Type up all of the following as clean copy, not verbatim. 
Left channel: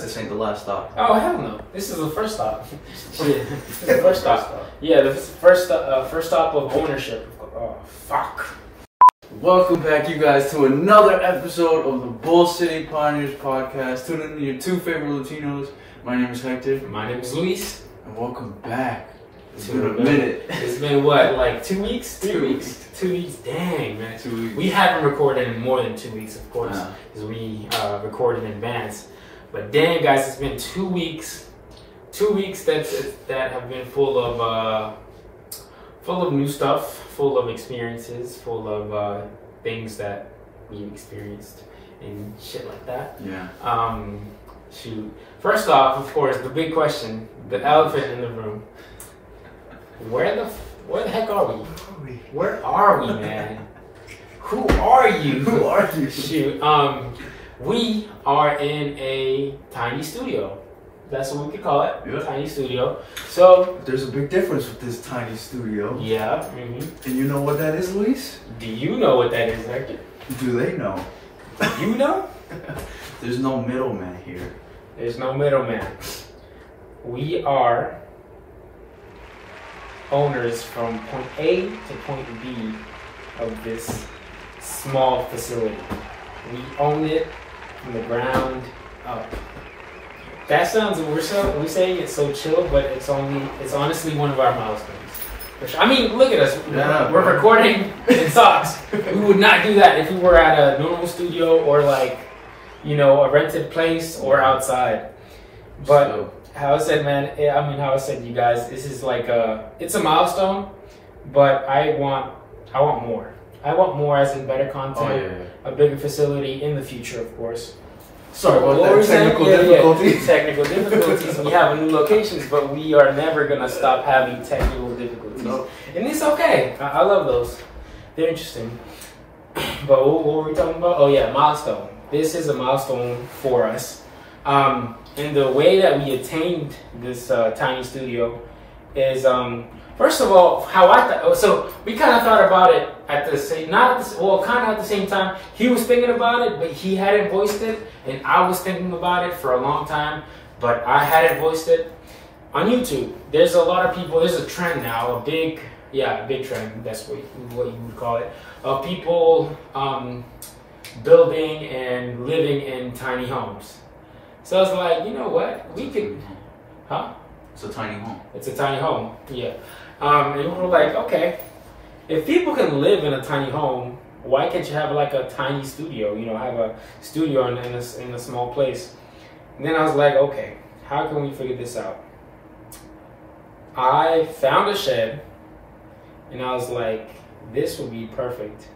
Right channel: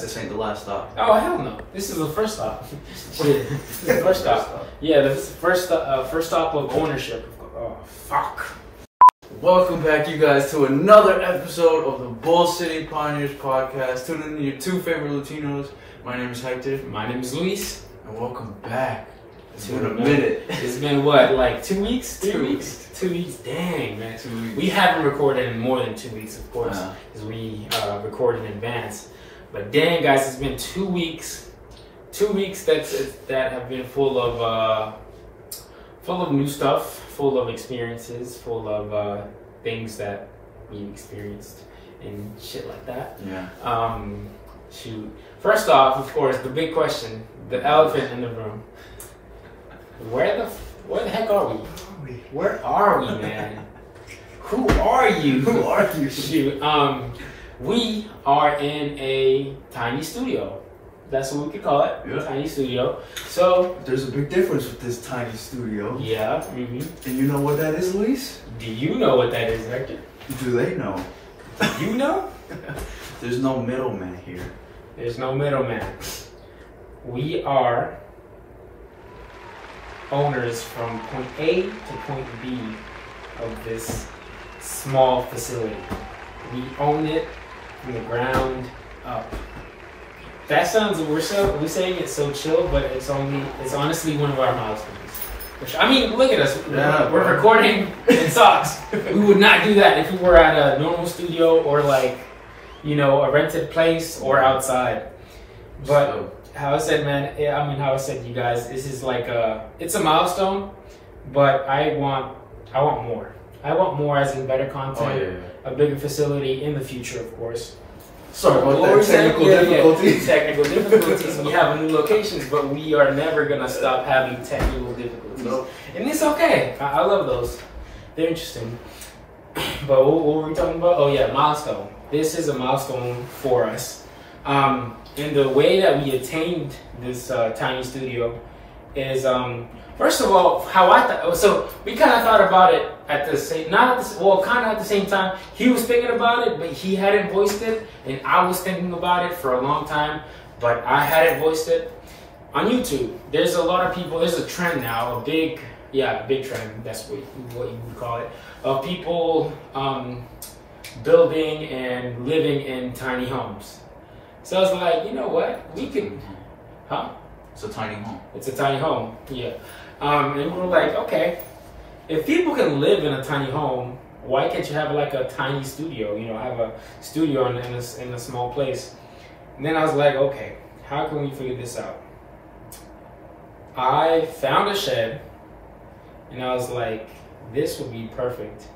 this ain't the last stop. Oh hell no! This is the first stop. This is the first stop. Yeah, the first stop of ownership. Oh fuck! Welcome back, you guys, to another episode of the Bull City Pioneers podcast. Tune in to your two favorite Latinos. My name is Hector. My name is Luis. And welcome back. It's been a minute. It's been what, like 2 weeks? 2 weeks. 2 weeks. Dang, man. 2 weeks. We haven't recorded in more than 2 weeks, of course, because we recorded in advance. But dang, guys, it's been 2 weeks. 2 weeks that have been full of new stuff, full of experiences, full of things that we experienced and shit like that. Yeah. Shoot. First off, of course, the big question, the elephant in the room. Where the heck are we? Where are we, man? Who are you? Who are you? Shoot. We are in a tiny studio. That's what we could call it. Yeah. Tiny studio. So there's a big difference with this tiny studio. Yeah. And you know what that is, Luis? Do you know what that is, Hector? Do they know? Do you know? There's no middleman here. There's no middleman. We are owners from point A to point B of this small facility. We own it from the ground up. That sounds, we're saying it's so chill, but it's honestly one of our milestones. Which, I mean, look at us. Yeah, we're recording in socks. We would not do that if we were at a normal studio or like, you know, a rented place or outside. But how I said, man, how I said, you guys, this is like it's a milestone, but I want more. I want more, as in better content, a bigger facility in the future, of course. Sorry about that. Technical difficulties. Technical difficulties. We have new locations, but we are never gonna stop having technical difficulties. Nope. And it's okay. I love those. They're interesting. But what were we talking about? Oh yeah, milestone. This is a milestone for us. And the way that we attained this tiny studio is, first of all, how I thought. So we kind of thought about it at the same, kind of at the same time. He was thinking about it, but he hadn't voiced it, and I was thinking about it for a long time, but I hadn't voiced it. On YouTube, there's a lot of people. There's a trend now, a big trend. That's what you would call it, of people building and living in tiny homes. So I was like, you know what? We could, It's a tiny home. It's a tiny home, yeah. And we were like, okay, if people can live in a tiny home, why can't you have like a tiny studio? You know, have a studio in a small place. And then I was like, okay, how can we figure this out? I found a shed, and I was like, this would be perfect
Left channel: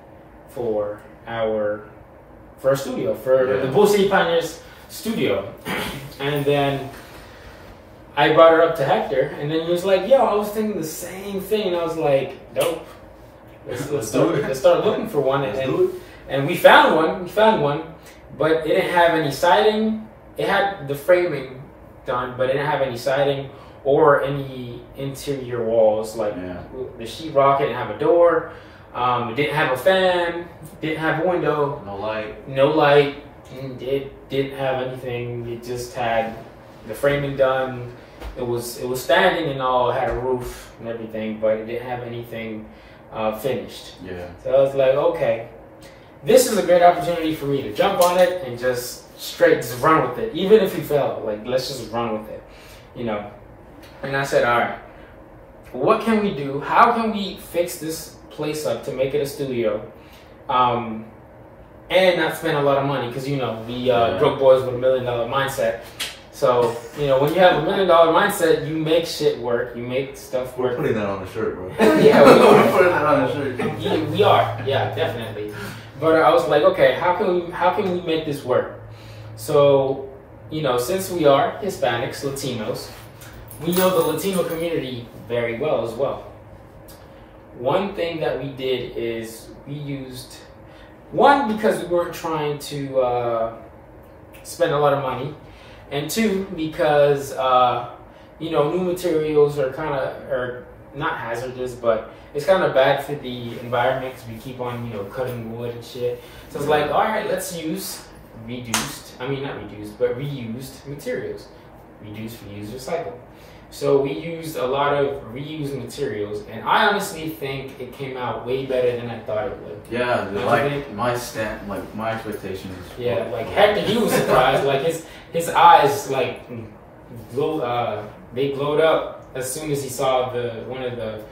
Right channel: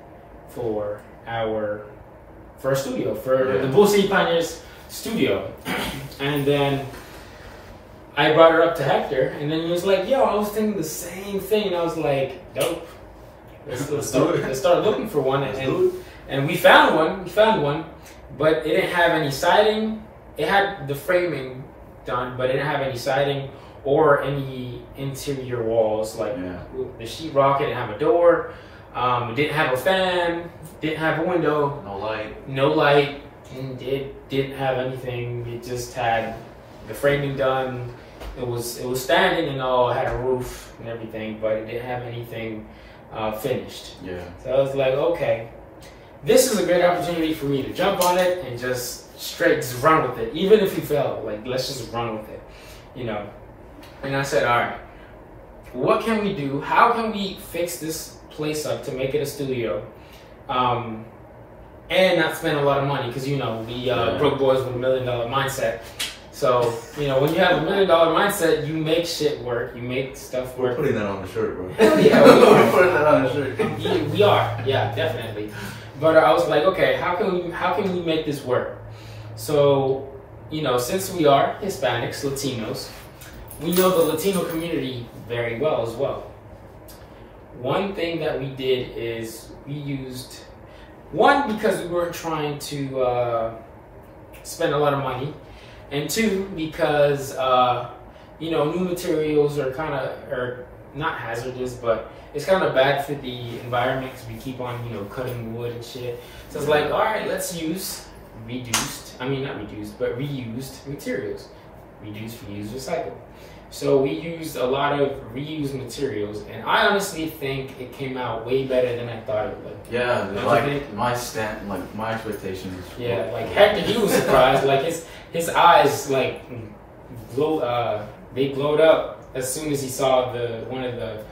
for a studio, for the Bull City Pioneers studio. And then I brought her up to Hector, and then he was like, yo, I was thinking the same thing. And I was like, dope. Let's start looking for one. And we found one, but it didn't have any siding. It had the framing done, but it didn't have any siding or any interior walls. Like the sheetrock didn't have a door. It didn't have a fan, didn't have a window. No light. And it didn't have anything. It just had the framing done. It was standing and all. It had a roof and everything, but it didn't have anything finished. Yeah. So I was like, okay, this is a great opportunity for me to jump on it and just run with it. Even if we fail, like, let's just run with it, you know. And I said, all right, what can we do? How can we fix this place up to make it a studio? And not spend a lot of money, because, you know, we broke boys with $1 million mindset. So, you know, when you have $1 million mindset, you make shit work. You make stuff work. We're putting that on a shirt, bro. Yeah, we're putting that on a shirt. We are, yeah, definitely. But I was like, okay, how can we make this work? So, you know, since we are Hispanics, Latinos, we know the Latino community very well as well. One thing that we did is we used, one, because we weren't trying to spend a lot of money, and two, because you know, new materials are not hazardous, but it's kind of bad for the environment because we keep on, you know, cutting wood and shit. So it's like, all right, let's use reused materials. Reduce, reuse, recycle. So we used a lot of reused materials, and I honestly think it came out way better than I thought it would. Yeah, like my expectations. Yeah, like heck, he was surprised. Like his eyes like they glowed up as soon as he saw one of the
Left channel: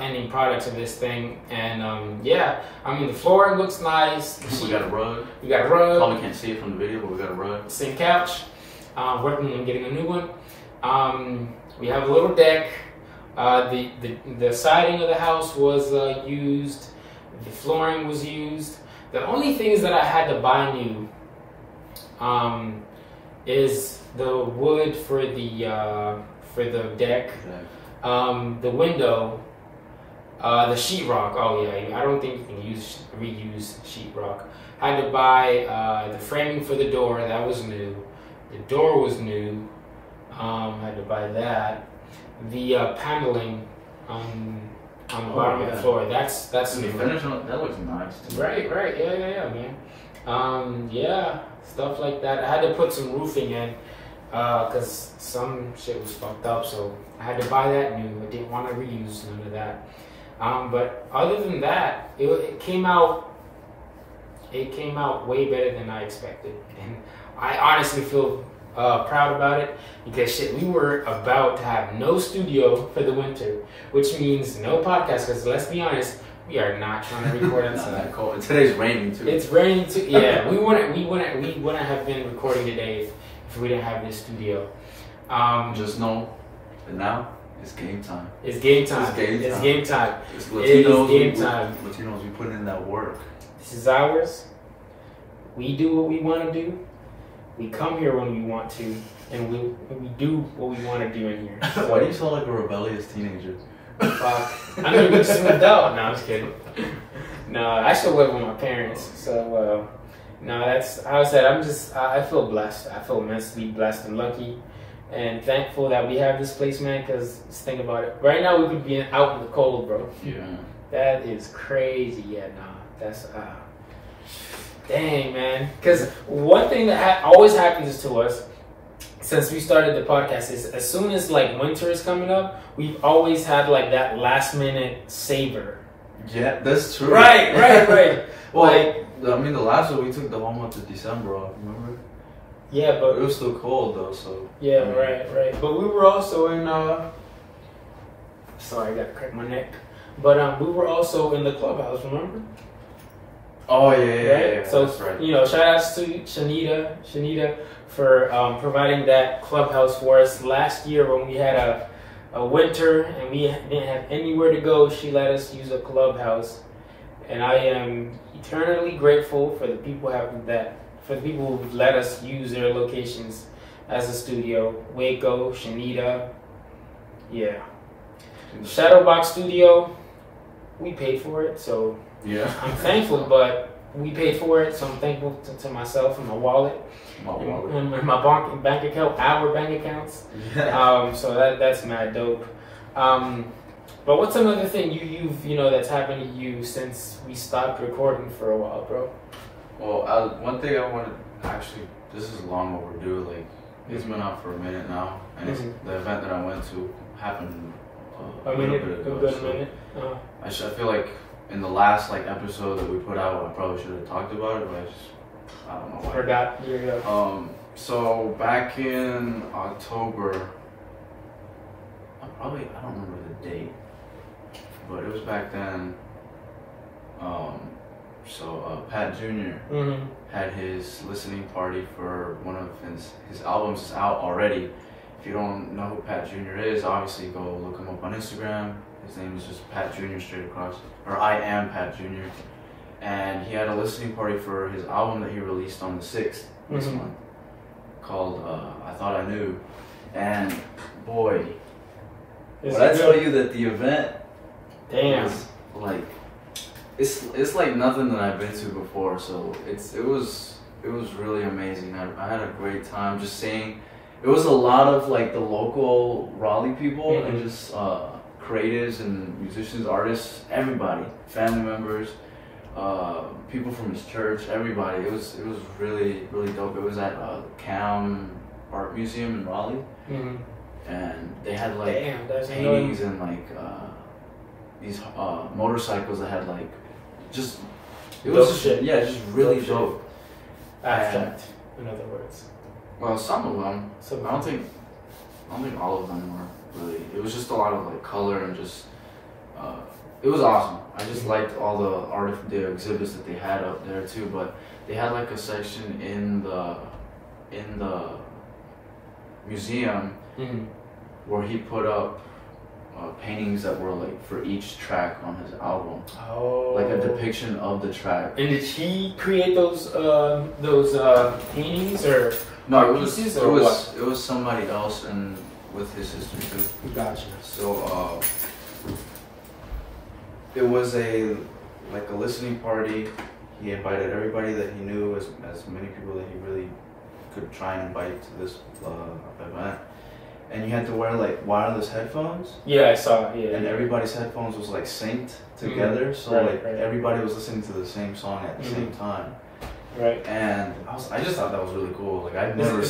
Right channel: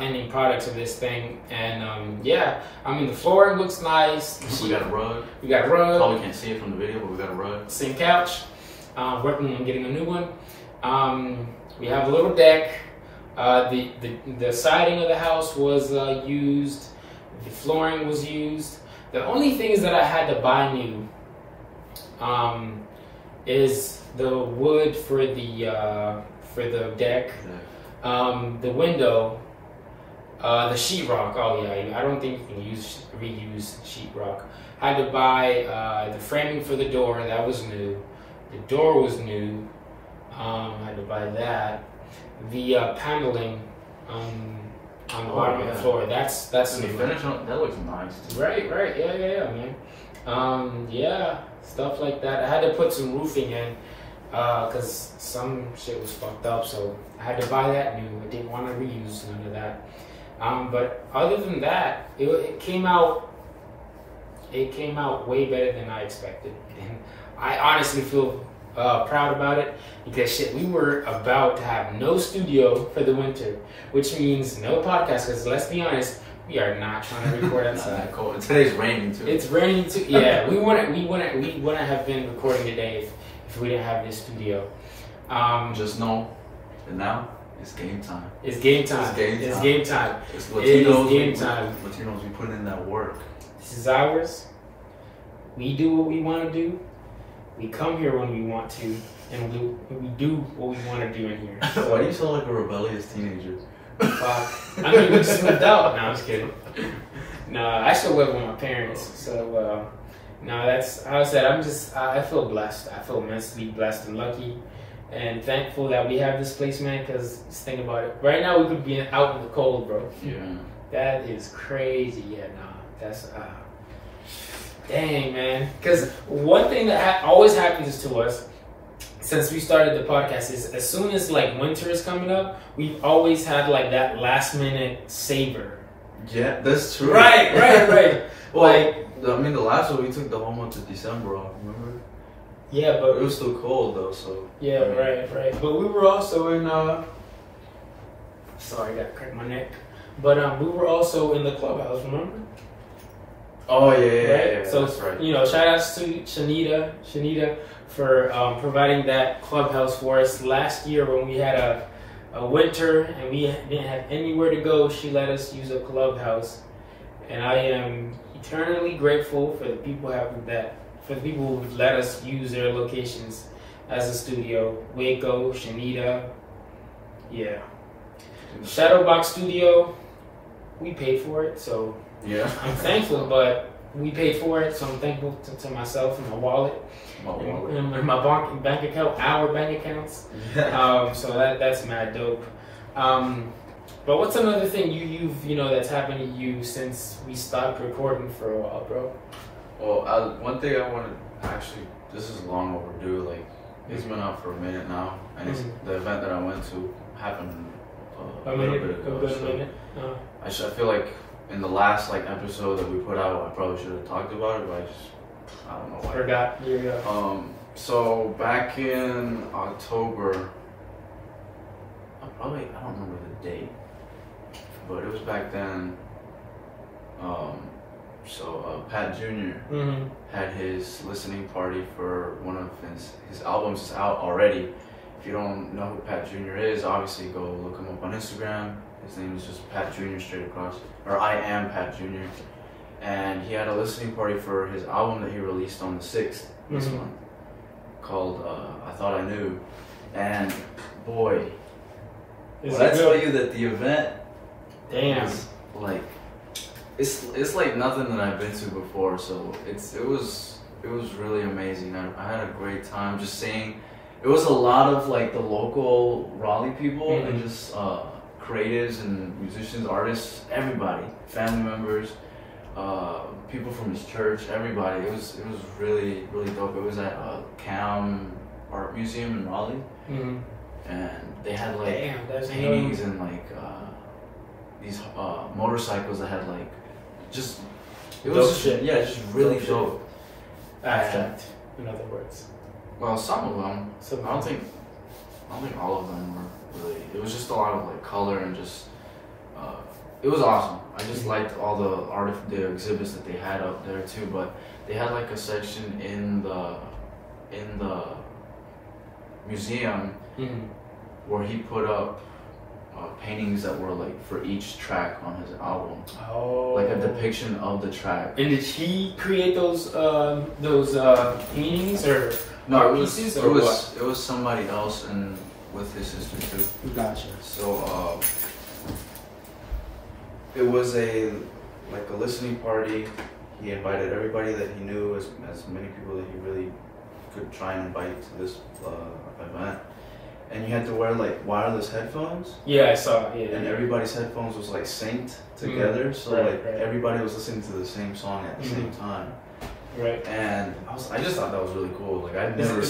ending products of this thing. And yeah, I mean the flooring looks nice. We got a rug. We got a rug. Probably can't see it from the video, but we got a rug. Same couch. Working on getting a new one. We have a little deck. The siding of the house was used. The flooring was used. The only things that I had to buy new is the wood for the deck, the window, the sheetrock. Oh yeah, I don't think you can reuse sheetrock. I had to buy the framing for the door. That was new. The door was new. I had to buy that. The paneling on the bottom of the floor. That's new. Finish on, that looks nice too. Right. Yeah, man. Yeah, stuff like that. I had to put some roofing in because some shit was fucked up, so I had to buy that new. I didn't want to reuse none of that. But other than that, it came out way better than I expected, and I honestly feel proud about it because shit, we were about to have no studio for the winter, which means no podcast. Because let's be honest, we are not trying to record outside. Cold. And today's raining too. It's raining too. Yeah, we wouldn't have been recording today if we didn't have this studio. Just know that now it's game time. It's game time. It's game time. It's game time. It's Latinos. Game time. Latinos, we put in that work. This is ours. We do what we want to do. We come here when we want to, and we do what we want to do in here. So, why do you sound like a rebellious teenager? I mean, we slipped out. No, I'm just kidding. No, I still live with my parents. So, no, that's how I said. I feel blessed. I feel immensely blessed and lucky and thankful that we have this place, man, because just think about it. Right now, we could be out in the cold, bro. Yeah. That is crazy. Yeah, no, that's... Dang, man. Because one thing that always happens to us since we started the podcast is as soon as like winter is coming up, we've always had like that last minute saver. Yeah, that's true. Right. Well, like, I mean, the last one we took the whole month of December off, remember? Yeah, but it was still cold though, so. Yeah, I mean, right. But we were also in. Sorry, I gotta crack my neck. But we were also in the clubhouse, remember? Oh yeah. Right? So that's right. You know, shout outs to Shanita for providing that clubhouse for us last year when we had a winter and we didn't have anywhere to go. She let us use a clubhouse, and I am eternally grateful for the people who let us use their locations as a studio. Waco, Shanita, yeah. Shadowbox Studio, we paid for it, so. Yeah. I'm thankful, but we paid for it, so I'm thankful to myself and my wallet. And my bank account, our bank accounts. Yeah. So that's mad dope. But what's another thing you've that's happened to you since we stopped recording for a while, bro? Well, one thing I wanted, actually, this is long overdue. Like, it's been out for a minute now, and it's the event that I went to happened a little bit ago. I feel like in the last episode that we put out, I probably should have talked about it, but I don't know why. Forgot. Here you go. So back in October, I don't remember the date, but it was back then. Pat Jr. Had his listening party for one of his albums is out already. If you don't know who Pat Jr. is, obviously go look him up on Instagram. His name is just Pat Jr. straight across, or I am Pat Jr. And he had a listening party for his album that he released on the 6th this month, called I Thought I Knew. And boy, when I tell you that the event was like, it's like nothing that I've been to before. So it was really amazing. I had a great time just seeing. It was a lot of the local Raleigh people and just creatives and musicians, artists, everybody, family members. people from his church, everybody. It was really dope. It was at Cam Art Museum in Raleigh, and they had like paintings and like these motorcycles that had like just just really dope. Abstract, in other words. Well, some of them. I don't think all of them were really. It was just a lot of like color and just. It was awesome. I just liked all the exhibits that they had up there too. But they had like a section in the museum where he put up paintings that were like for each track on his album. Oh. Like a depiction of the track. And did he create those paintings or no? It was somebody else and with his sister too. Gotcha. So it was a listening party. He invited everybody that he knew, as many people that he really could try and invite to this event. And you had to wear like wireless headphones. Yeah, I saw it. Yeah, and everybody's headphones was like synced together, so everybody was listening to the same song at the same time. Right. And I just thought that was really cool. Like I've never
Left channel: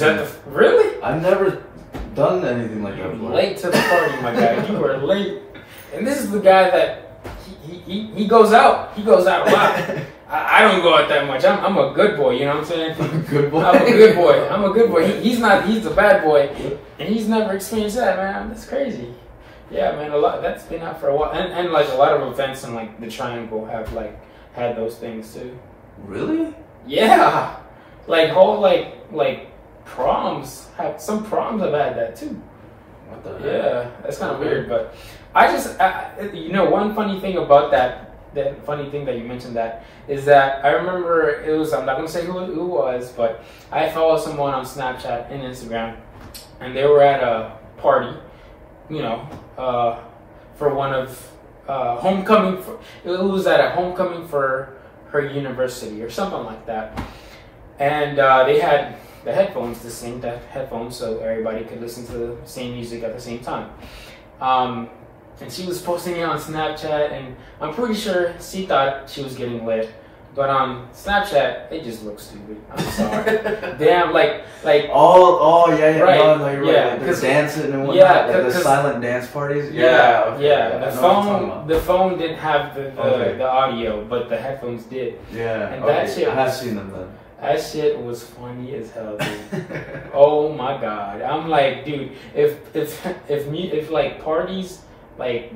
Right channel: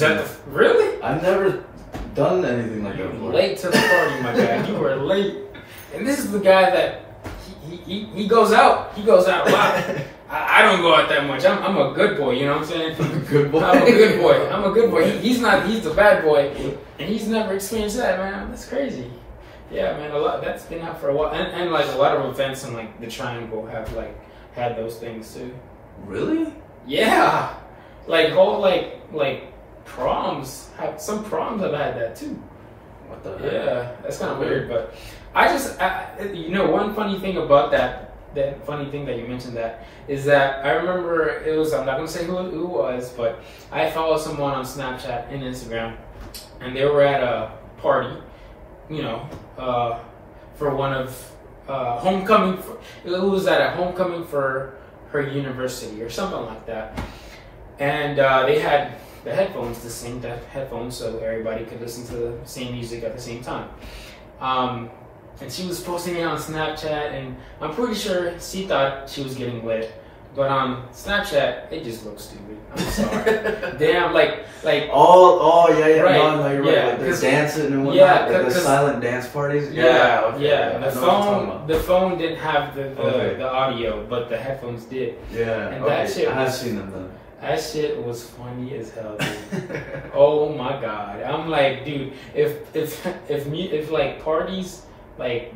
really? I've never done anything like that before. Late to the party, my guy. You were late. And this is the guy that he goes out. He goes out a lot. I don't go out that much. I'm a good boy, you know what I'm saying? Good boy. I'm a good boy. I'm a good boy. He's a bad boy, and he's never experienced that, man. That's crazy. Yeah, man. That's been out for a while, and like a lot of events in like the Triangle have like had those things too. Really? Yeah. Like whole like proms have proms have had that too. What the heck? Yeah, that's kind of weird, but I one funny thing about that funny thing that you mentioned that is that I remember it was, I'm not going to say who it was, but I followed someone on Snapchat and Instagram, and they were at a party, for one of homecoming. It was at a homecoming for her university or something like that. And they had the headphones, the same headphones, so everybody could listen to the same music at the same time. And she was posting it on Snapchat, and I'm pretty sure she thought she was getting lit. But on Snapchat, it just looks stupid. I'm sorry. Damn, like. Oh, yeah, right, no, no, you're right. Like they're dancing and whatnot. Yeah, like the silent dance parties. Yeah, okay, yeah. The phone didn't have the audio, but the headphones did. Yeah, and that shit. I've seen them then. That shit was funny as hell, dude. Oh my god, I'm like, dude, if like parties like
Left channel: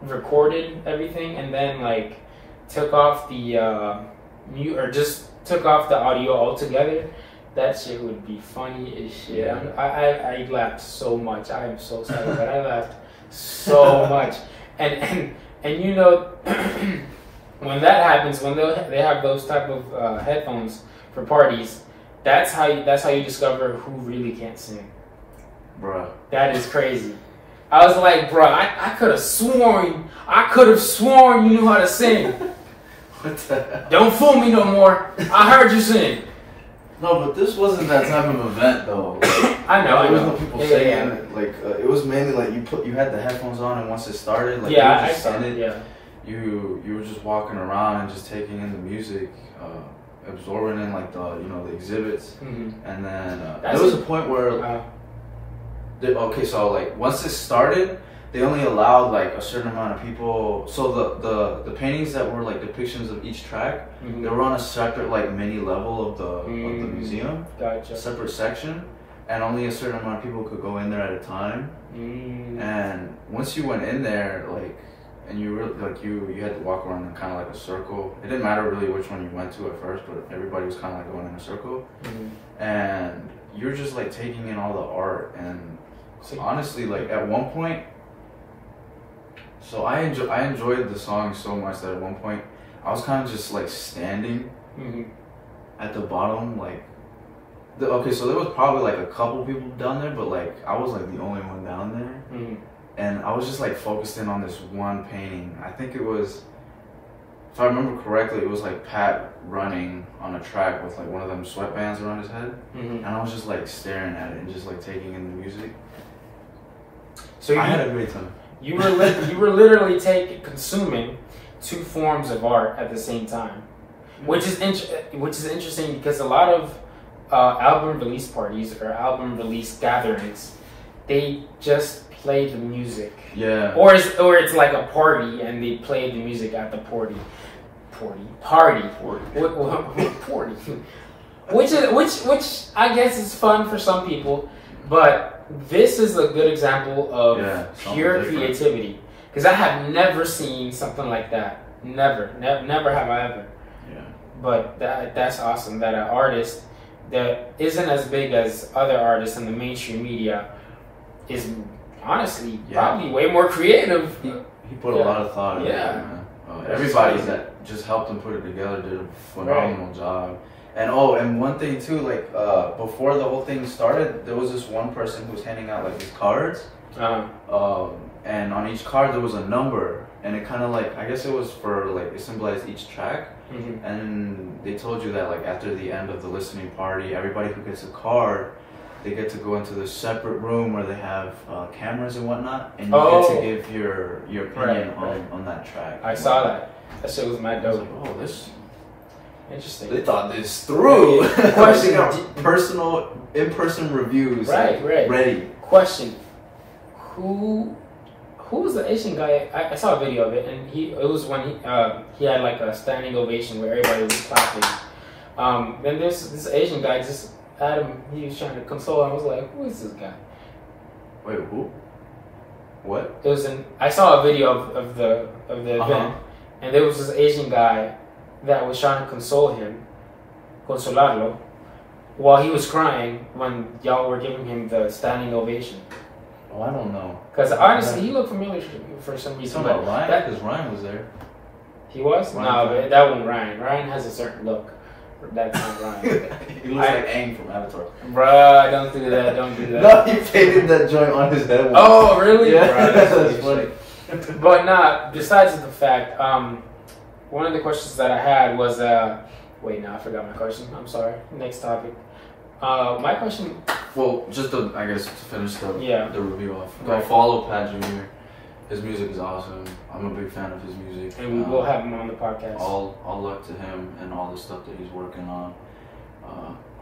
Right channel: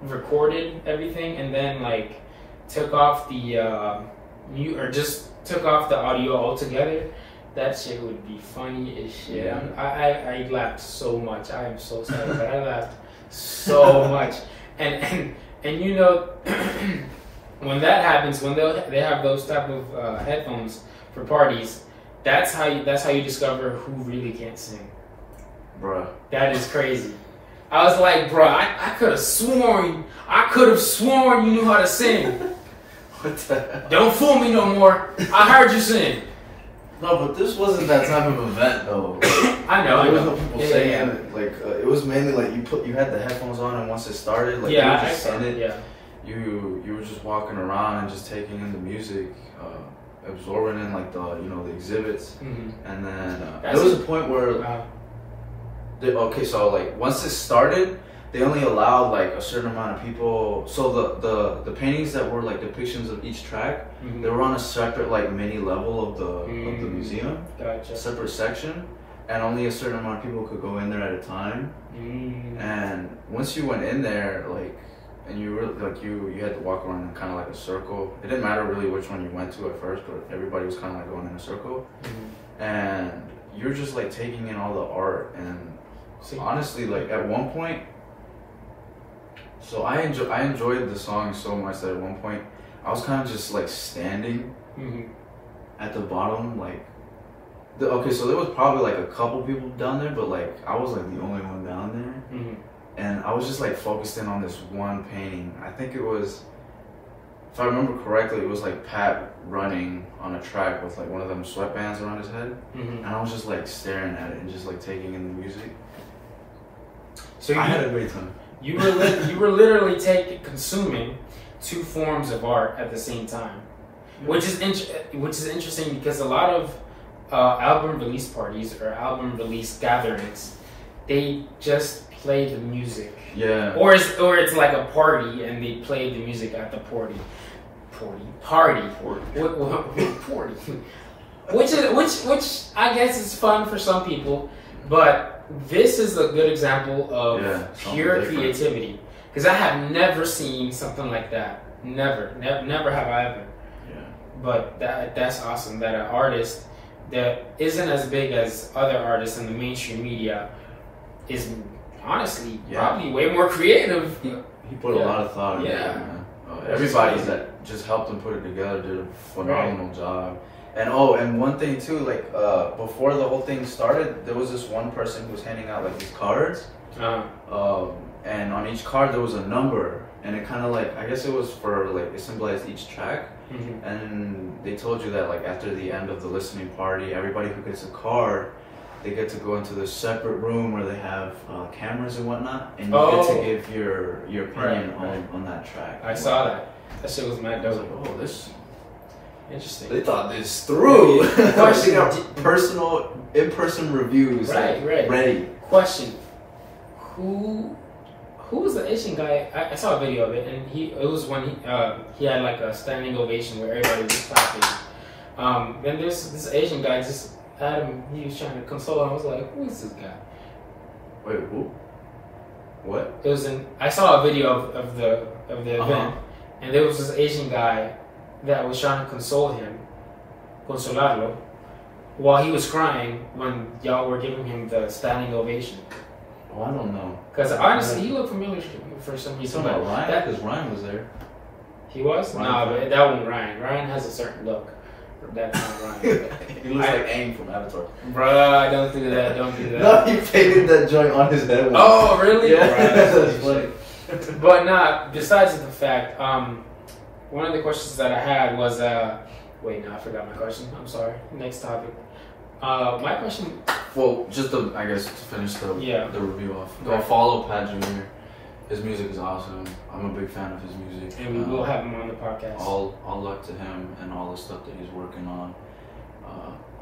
recorded everything and then like took off the mute or just took off the audio altogether, that shit would be funny as shit. Yeah. I laughed so much. I am so sorry, but I laughed so much. And when that happens, when they have those type of headphones for parties, that's how you discover who really can't sing. Bruh. That is crazy. I was like, bro, I could have sworn you knew how to sing. What the hell? Don't fool me no more. I heard you sing. No, but this wasn't that type of event though. I know. There was no people singing. Like it was mainly like you had the headphones on, and once it started, like you were just walking around and just taking in the music, absorbing in like the exhibits, and then there was a point where. Okay, so like once it started, they only allowed like a certain amount of people. So the paintings that were like depictions of each track, they were on a separate like mini level of the museum, Gotcha. a separate section, and only a certain amount of people could go in there at a time. And once you went in there, like, and you really like you had to walk around in kind of like a circle. It didn't matter really which one you went to at first, but everybody was kind of like going in a circle, and you're just like taking in all the art. And honestly, like at one point, so I enjoyed the song so much that at one point I was kind of just like standing at the bottom, like so there was probably like a couple people down there, but like I was like the only one down there, and I was just like focused in on this one painting. I think it was, if I remember correctly, it was like Pat running on a track with like one of them sweatbands around his head, and I was just like staring at it and just like taking in the music. So I had a great time. You were literally consuming two forms of art at the same time. which is interesting because a lot of album release parties or album release gatherings, they just play the music. Yeah. Or it's like a party and they play the music at the party. Which I guess is fun for some people, but this is a good example of pure creativity. Because I have never seen something like that. Never have I ever. Yeah. But that's awesome that an artist that isn't as big as other artists in the mainstream media is honestly probably way more creative. He put a lot of thought into it, man. Everybody that just helped him put it together did a phenomenal job. And and one thing too, like before the whole thing started, there was this one person who was handing out like these cards, and on each card there was a number, and it kind of like, I guess it was for like, it symbolized each track. And they told you that like after the end of the listening party, everybody who gets a card, they get to go into this separate room where they have cameras and whatnot, and you get to give your opinion on that track. I saw that. That shit was mad dope. Like, oh, this interesting. They thought this through. They got in-person reviews. Ready. Question: Who was the Asian guy? I saw a video of it, and it was when he had like a standing ovation where everybody was clapping. Then there's this Asian guy just. Adam, he was trying to console him. I was like, who is this guy? Wait, who? What? It was I saw a video of the event, and there was this Asian guy that was trying to console him, consolarlo, while he was crying when y'all were giving him the standing ovation. Oh, I don't know. Because honestly, he looked familiar for some reason. But Ryan? Because Ryan was there. He was? No, that wasn't Ryan. Ryan has a certain look. That's not Ryan. He looks like Aang from Avatar. Bruh, don't do that. No, he painted that joint on his head. Oh, really? Yeah, Bruh, that's funny. But nah, besides the fact, one of the questions that I had was, wait, no, I forgot my question. I'm sorry. Next topic. My question... Well, just I guess to finish the review off. Go follow Pat Jr. His music is awesome. I'm a big fan of his music. And we will have him on the podcast. All luck to him and all the stuff that he's working on.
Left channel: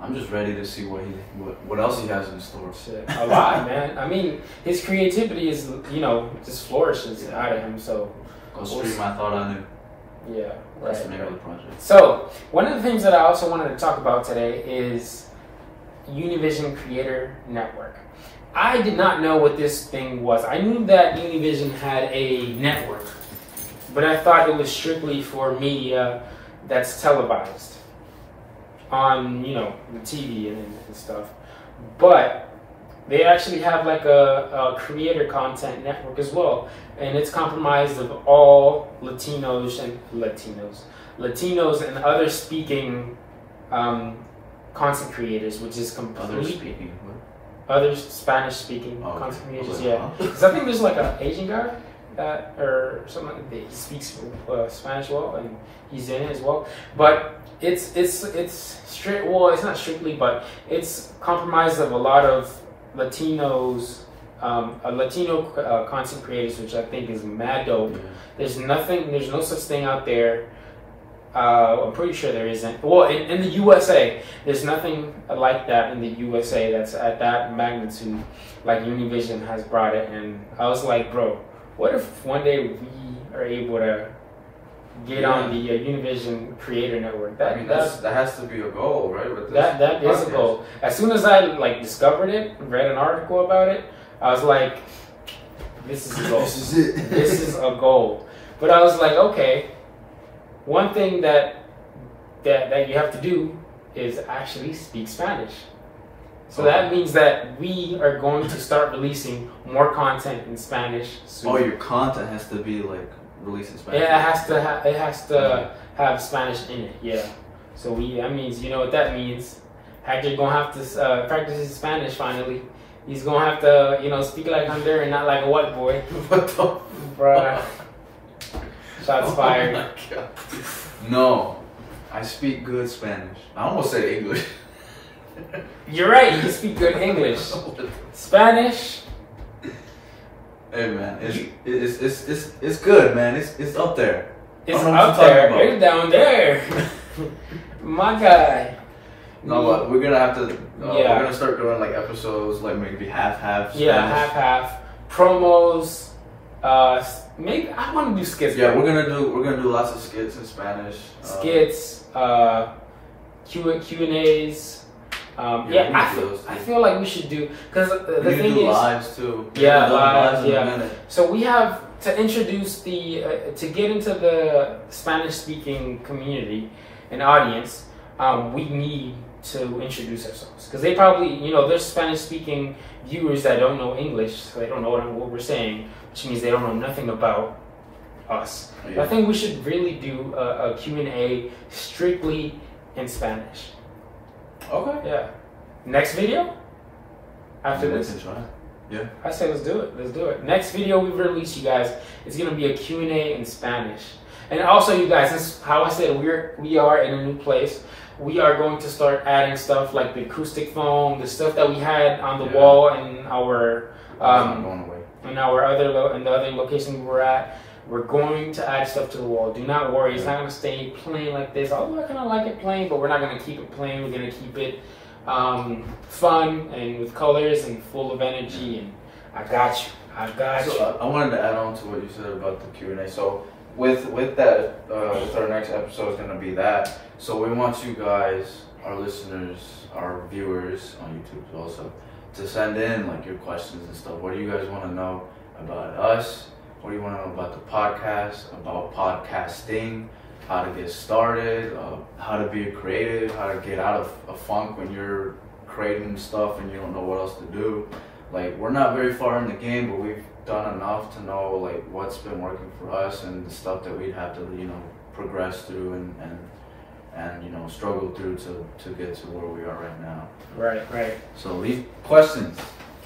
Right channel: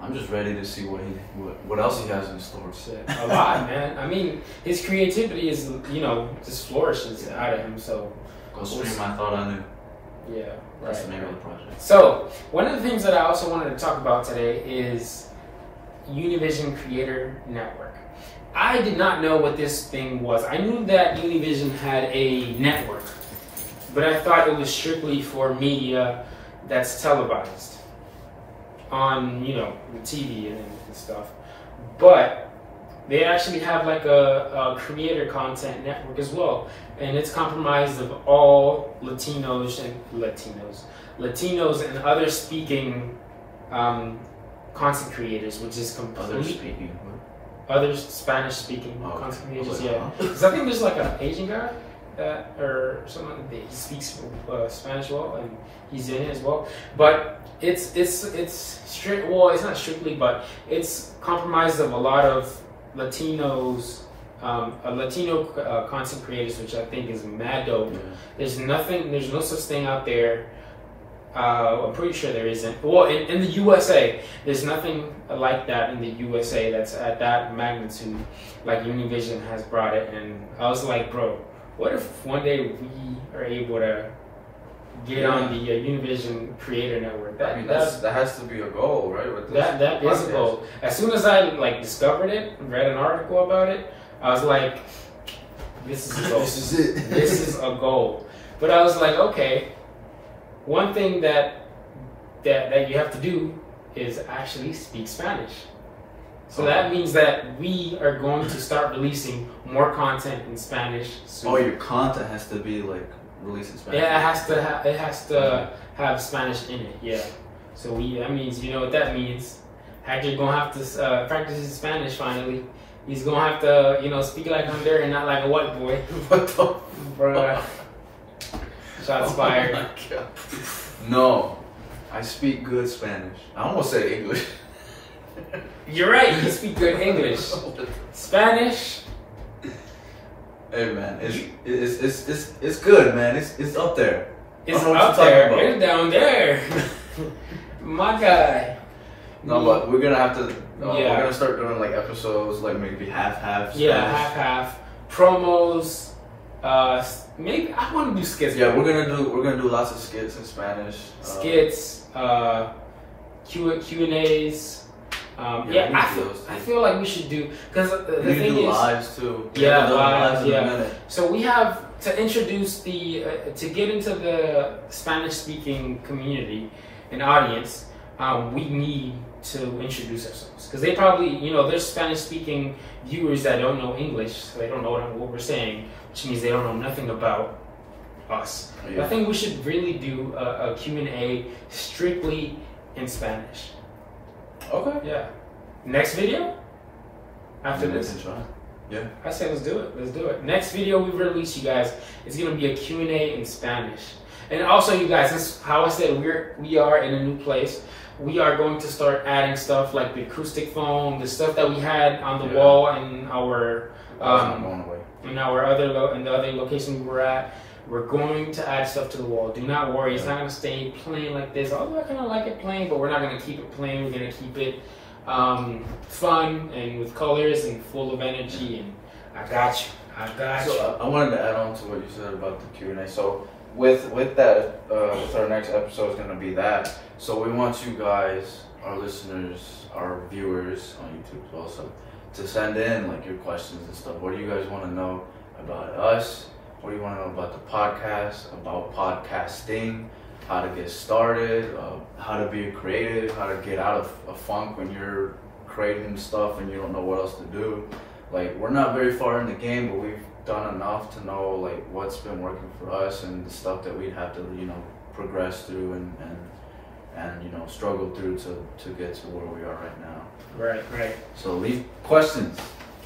I'm just ready to see what else he has in store. Shit, a lot, man. I mean, his creativity is, just flourishes out of him. So go stream I Thought I Knew. Yeah, That's the name of the project. So one of the things that I also wanted to talk about today is Univision Creator Network. I did not know what this thing was. I knew that Univision had a network, but I thought it was strictly for media that's televised on, the TV and stuff. But they actually have like a creator content network as well, and it's comprised of all Latinos and other speaking content creators, which is completely other Spanish-speaking content creators. Yeah, because I think there's like an Asian guy or someone that speaks Spanish well, and he's in it as well. But it's strict. Well, it's not strictly, but it's comprised of a lot of Latinos, Latino content creators, which I think is mad dope. Yeah. There's no such thing out there. I'm pretty sure there isn't. Well, in the USA, there's nothing like that in the USA that's at that magnitude, like Univision has brought it. And I was like, bro, what if one day we are able to get on the Univision Creator Network? That has to be a goal, right? With this that is a goal. As soon as I discovered it, read an article about it, I was like, this is a goal. This is it. This is a goal. But I was like, okay. One thing that you have to do is actually speak Spanish. So that means that we are going to start releasing more content in Spanish soon. Oh, your content has to be like released in Spanish. Yeah, it has to have Spanish in it. Yeah. So that means, you know what that means. Hector's gonna have to practice his Spanish finally. He's gonna have to, speak like Honduran, not like a white boy. What the? Bruh. Shots fired. No, I speak good Spanish. I almost said English. You're right. You speak good English. Spanish. Hey man, it's good, man. It's up there. It's up there. It's down there. My guy. No, but we're gonna have to. We're gonna start doing like episodes, like maybe half. Yeah, half. Promos. Maybe I want to do skits. Yeah, we're gonna do lots of skits in Spanish. Skits. Q&As. I feel like we should do, because the thing is, lives too. Yeah, lives. Yeah. So we have to introduce to get into the Spanish-speaking community and audience. We need to introduce ourselves, because they probably, there's Spanish-speaking viewers that don't know English, so they don't know what we're saying, which means they don't know nothing about us. Yeah. I think we should really do a Q&A strictly in Spanish. Okay. Yeah. Next video? After this? Yeah. I say let's do it. Let's do it. Next video we release, you guys, it's going to be a Q&A in Spanish. And also, you guys, this is how I said we are in a new place. We are going to start adding stuff like the acoustic foam, the stuff that we had on the wall in our in the other location we were at. We're going to add stuff to the wall. Do not worry. It's not going to stay plain like this. Although I kind of like it plain, but we're not going to keep it plain. We're going to keep it fun and with colors and full of energy. And I got you. So I wanted to add on to what you said about the Q&A. So with that, with our next episode is going to be that. So we want you guys, our listeners, our viewers on YouTube also, to send in like your questions and stuff. What do you guys want to know about us? What do you want to know about the podcast, about podcasting, how to get started, how to be creative, how to get out of a funk when you're creating stuff and you don't know what else to do. Like, we're not very far in the game, but we've done enough to know like what's been working for us and the stuff that we'd have to, progress through and struggle through to get to where we are right now. Right. So leave questions.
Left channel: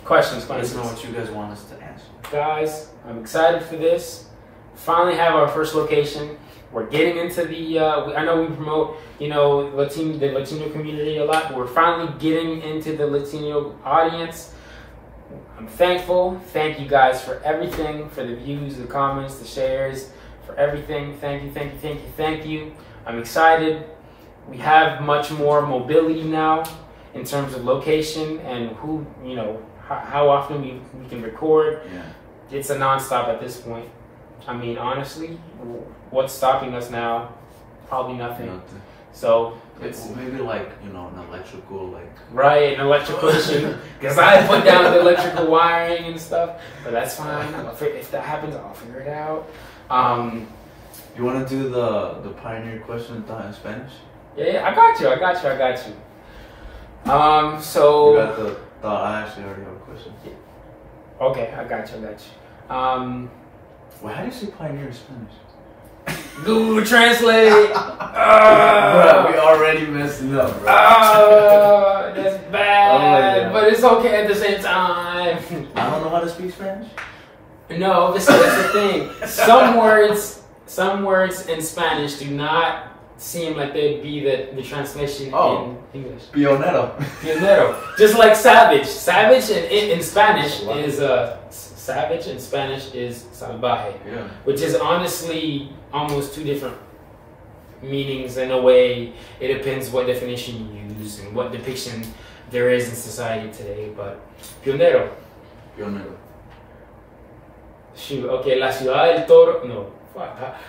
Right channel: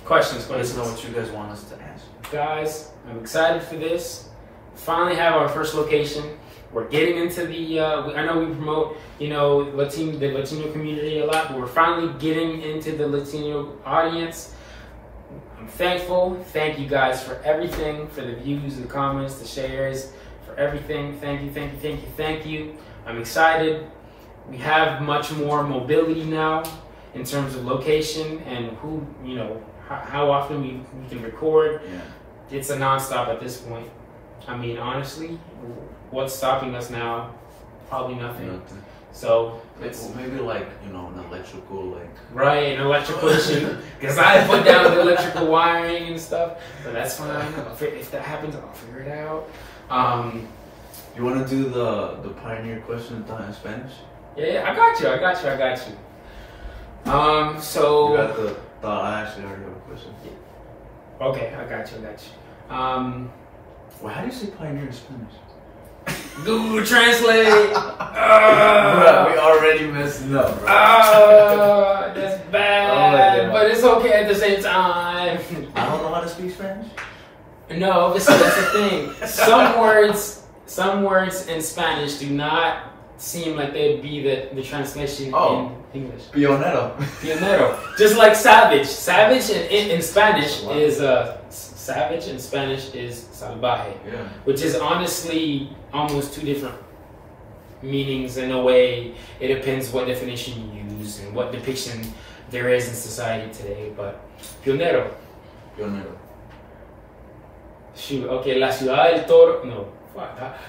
Questions. Let us know what you guys want us to answer. Guys, I'm excited for this. Finally have our first location. We're getting into the, I know we promote, the Latino community a lot, but we're finally getting into the Latino audience. I'm thankful. Thank you guys for everything, for the views, the comments, the shares, for everything. Thank you. I'm excited. We have much more mobility now in terms of location and how often we can record. Yeah. It's a nonstop at this point. I mean, honestly, what's stopping us now? Probably nothing. So it's maybe like an electrical an electrical issue, because I put down the electrical wiring and stuff. But that's fine. If that happens, I'll figure it out. You want to do the pioneer question in Spanish? Yeah, I got you. So you got the thought. I actually already have a question. Okay, I got you. Well, how do you say pioneer in Spanish? Google Translate. Bro, we already messing up, bro. That's bad, but it's okay at the same time. I don't know how to speak Spanish. No, that's the thing. Some words in Spanish do not seem like they'd be the translation in English. Pionero. Just like savage. Savage in Spanish is savage in Spanish is salvaje. Yeah. Which is honestly almost two different meanings in a way. It depends what definition you use and what depiction there is in society today. But pionero. Shoot, okay, La Ciudad del Toro. No.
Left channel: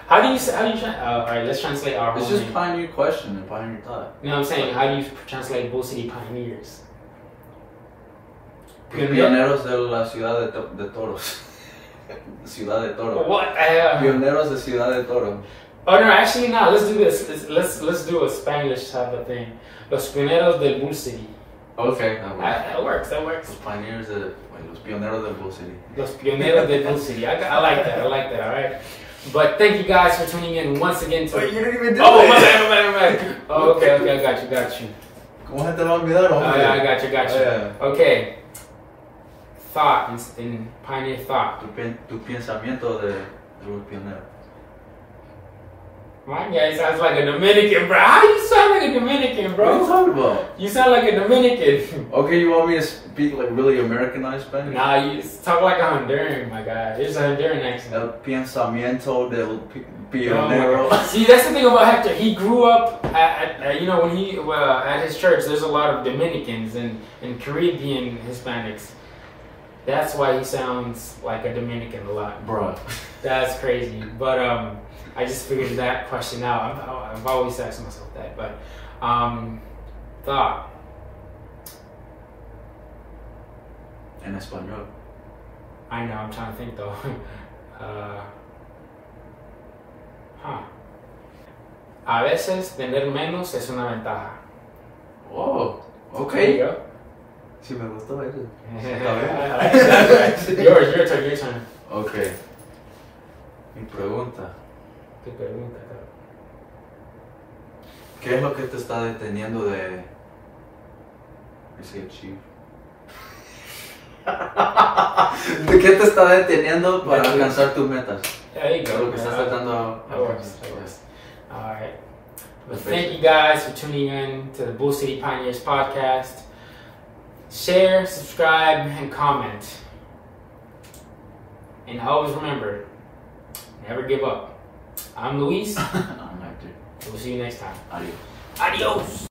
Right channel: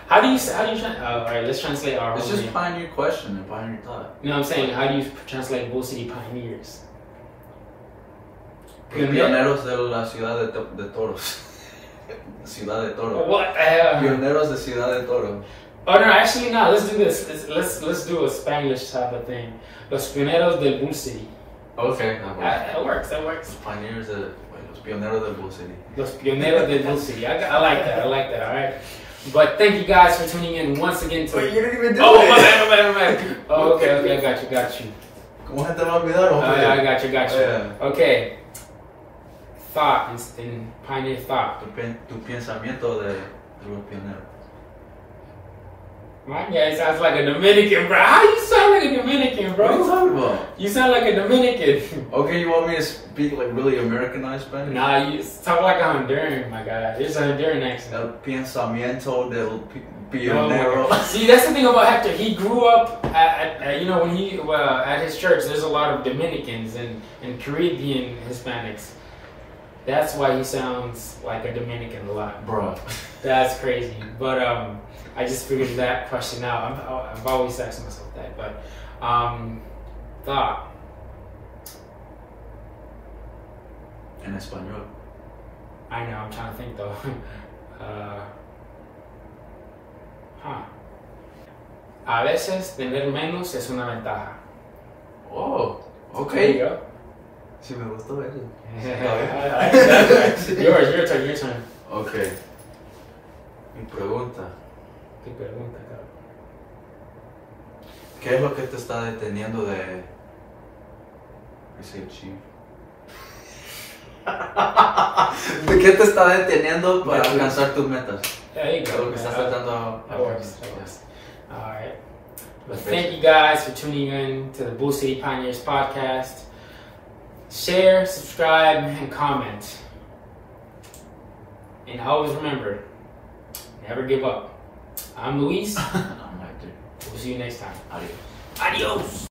How do you alright, let's translate our It's just pioneer question and pioneer thought. No, I'm saying, how do you translate Bull City pioneers? Pioneros de la Ciudad de Toros. Ciudad de Toro. What? Pioneros de Ciudad de Toro. Oh no, actually no, let's do this. Let's do a Spanglish type of thing. Los Pioneros del Bull City. Okay, that works. Los Pioneros del Bull City. Los Pioneros del Bull City. I like that, alright? But thank you guys for tuning in once again to... Wait, you didn't even do it! My bad. Oh, okay, I got you. ¿Cómo se te va a olvidar, hombre? Oh, yeah, I got you. Yeah. Okay. Thought, in pioneer thought. Tu pensamiento de los pioneros. My guy sounds like a Dominican, bro. How you sound like a Dominican, bro? What are you talking about? You sound like a Dominican. Okay, you want me to speak like really Americanized Spanish? Nah, you talk like a Honduran, my guy. It's a Honduran accent. El pensamiento del pionero. See, that's the thing about Hector. He grew up at when he at his church. There's a lot of Dominicans and Caribbean Hispanics. That's why he sounds like a Dominican a lot. Bro. That's crazy. But I just figured that question out. I've always asked myself that. But thought. En español. I know. I'm trying to think though. A veces tener menos es una ventaja. Oh, okay. There you go. Sí, me gustó eso. Your turn. Okay. Mi pregunta. Tu pregunta, cabrón. ¿Qué es lo que te está deteniendo de... ¿De qué te está deteniendo para alcanzar tus metas? There you go. Lo que estás tratando a alcanzar. Alright. Well, thank you guys for tuning in to the Bull City Pioneers podcast. Share, subscribe, and comment. And always remember, never give up. I'm Luis. I'm Hector. We'll see you next time. Adios. Adios.